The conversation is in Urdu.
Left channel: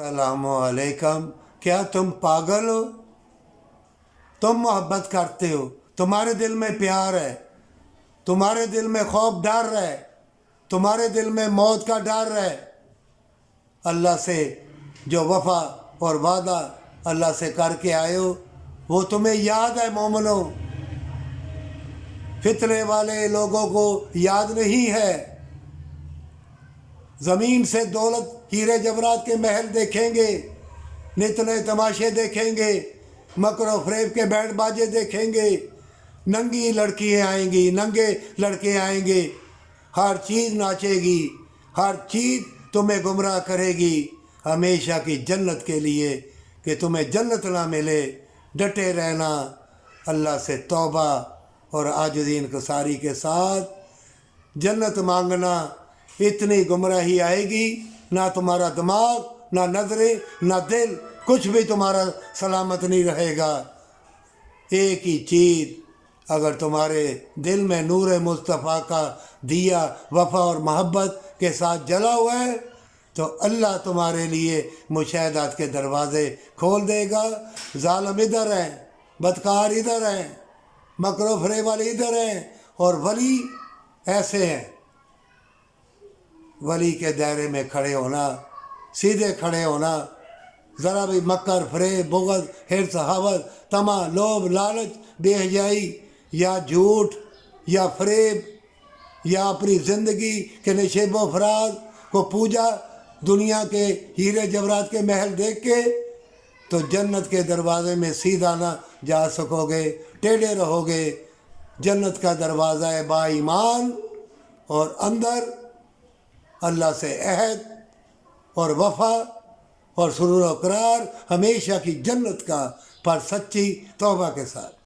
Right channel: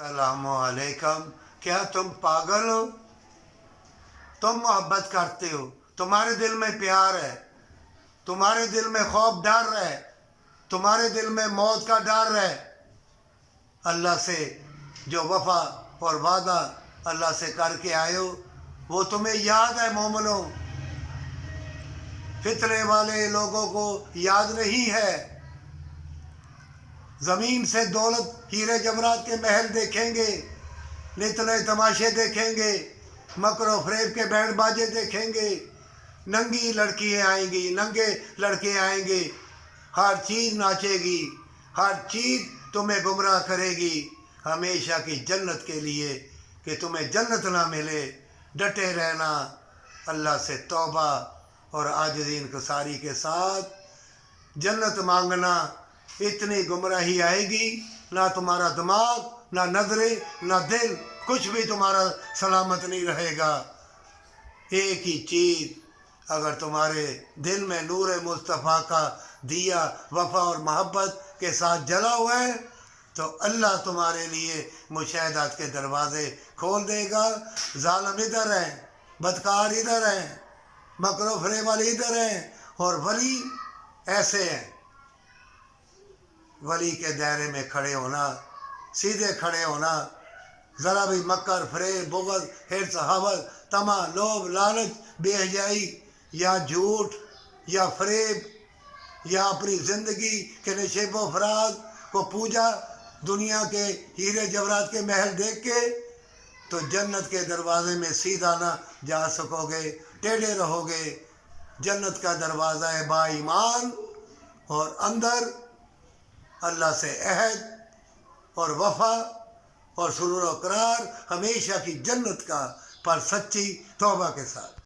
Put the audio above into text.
السلام علیکم. کیا تم پاگل ہو؟ تم محبت کرتے ہو، تمہارے دل میں پیار ہے، تمہارے دل میں خوف ڈر ہے، تمہارے دل میں موت کا ڈر ہے. اللہ سے جو وفا اور وعدہ اللہ سے کر کے آئے ہو وہ تمہیں یاد ہے مومنو. فتنے والے لوگوں کو یاد نہیں ہے. زمین سے دولت ہیرے جواہرات کے محل دیکھیں گے، نت نئے تماشے دیکھیں گے، مکر و فریب کے بینڈ باجے دیکھیں گے، ننگی لڑکیاں آئیں گی، ننگے لڑکے آئیں گے، ہر چیز ناچے گی، ہر چیز تمہیں گمراہ کرے گی ہمیشہ کی جنت کے لیے کہ تمہیں جنت نہ ملے. ڈٹے رہنا، اللہ سے توبہ اور عاجزی انکساری کے ساتھ جنت مانگنا. اتنی گمراہی آئے گی، نہ تمہارا دماغ، نہ نظریں، نہ دل، کچھ بھی تمہارا سلامت نہیں رہے گا. ایک ہی چیز اگر تمہارے دل میں نور مصطفیٰ کا دیا وفا اور محبت کے ساتھ جلا ہوا ہے تو اللہ تمہارے لیے مشاہدات کے دروازے کھول دے گا. ظالم ادھر ہیں، بدکار ادھر ہیں، مکر و فریب والے ادھر ہیں، اور ولی ایسے ہیں. ولی کے دائرے میں کھڑے ہونا، سیدھے کھڑے ہونا، ذرا بھی مکر، فریب، بغض، حرص، حوث، طمع، لوبھ، لالچ، بے حیائی یا جھوٹ یا فریب یا اپنی زندگی کے نشیب و فراز کو پوجا دنیا کے ہیرے جواہرات کے محل دیکھ کے تو جنت کے دروازے میں سیدھا نہ جا سکو گے، ٹیڑھے رہو گے. جنت کا دروازہ ہے با ایمان، اور اندر اللہ سے عہد اور وفا اور سرور و اقرار ہمیشہ کی جنت کا، پر سچی توبہ کے ساتھ.